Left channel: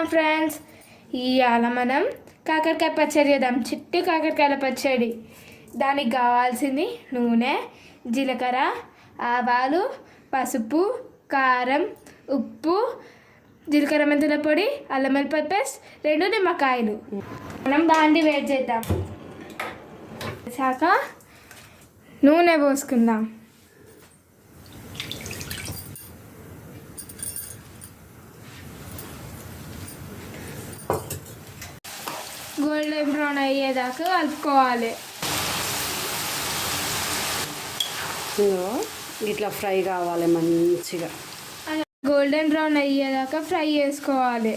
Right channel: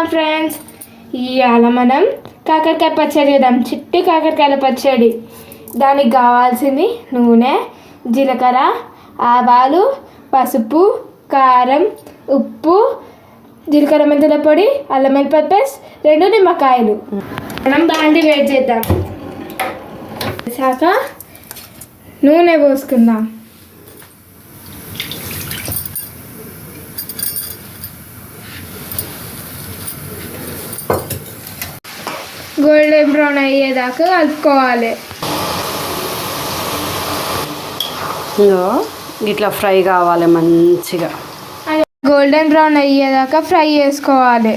Welcome friends. ఇవాళ మనం కాకరకాయ పచ్చడి చేద్దాం. చిట్టు కాకరకాయల పచ్చడి. దానికి కావాల్సింది నూనె జీలకర్ర ఆవాలు పసుపు కారం ఉప్పు జీలకర్ర మెంతుల పొడి అల్లం వెల్లిపాయ పేస్ట్ రెండు నిమ్మకాయలు. మనం బాండి వేడి చేద్దాం. వేసాక నూనె పోసుకుందాం. గోల్డెన్ బ్రౌన్ అయ్యేదాకా కలుపుకోవాలి. ఇట్లా ఫ్రై కావాలి మంచిగా. గోల్డెన్ బ్రౌన్ అయ్యేదాకా ఫ్రై చేసుకోవాలి.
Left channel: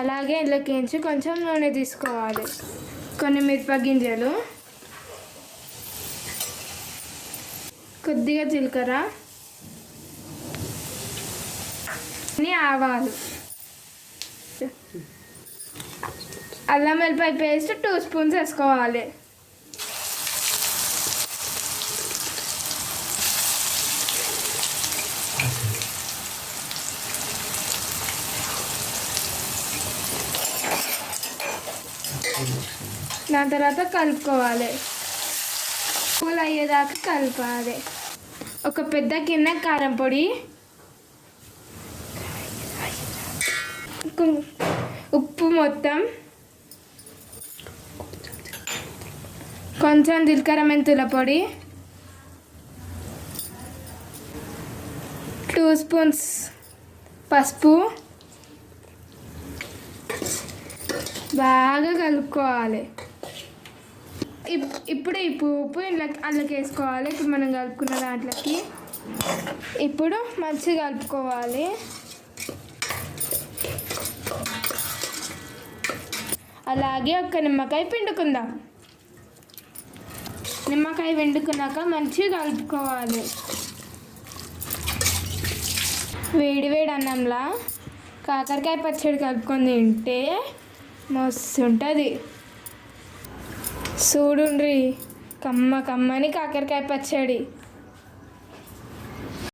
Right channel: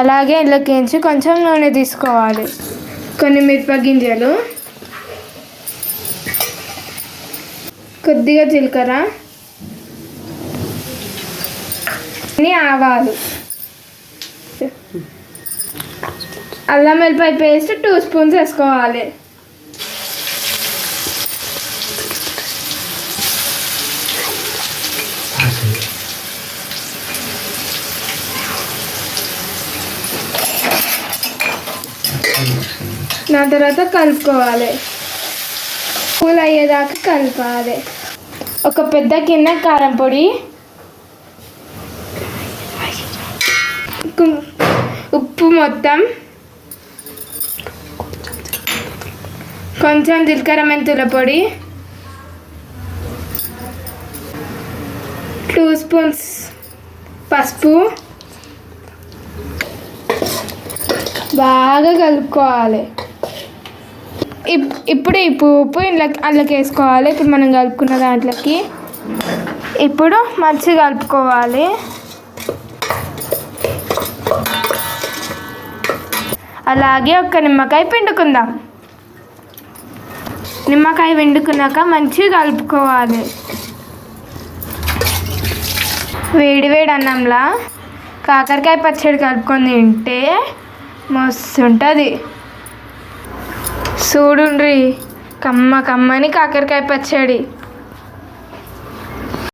అలాగే ఇంట్లోకించి కొంచెం నూనె తీసుకోవాలి. కొన్ని మిరప గింజలు. కొద్దిగా జీలకర్ర. కొన్ని ఆవాలు. అల్లం వెల్లిపాయ పేస్ట్ టూ స్పూన్స్ వేసుకోవాలి. దాని తర్వాత కలుపుకోవాలి. కూల్ అయ్యేదాకా కలపాలి. ఒక పెద్ద గిన్నె కారం పొడి ఉప్పు మొత్తం. కొంచెం జీలకర్ర మెంతుల పొడి. టూ స్పూన్స్ పసుపు. బాగా కలుపుకోవాలి. ఇప్- ఇప్పుడు ఈ ఉప్పు ఇంట్లో అందులోకి వేసుకోవాలి. ఇప్పుడు మనం కలుపుకున్న దాంట్లోకి. ఇప్పుడు మంచిగా కలుపుకోవాలి. అలాగే ఒక నిమ్మకాయ పిండుకుందాం. నిమ్మకాయ పిండుకున్నాక మంచిగా కలుపుకోవాలి. వేడి వేడి అన్నంలా కాకరకాయ పచ్చడి కలుపుకొని తింటే మస్తు ఉంటుంది చూడుండ్రి కమ్మ కమ్మని కాకరకాయ పచ్చడి.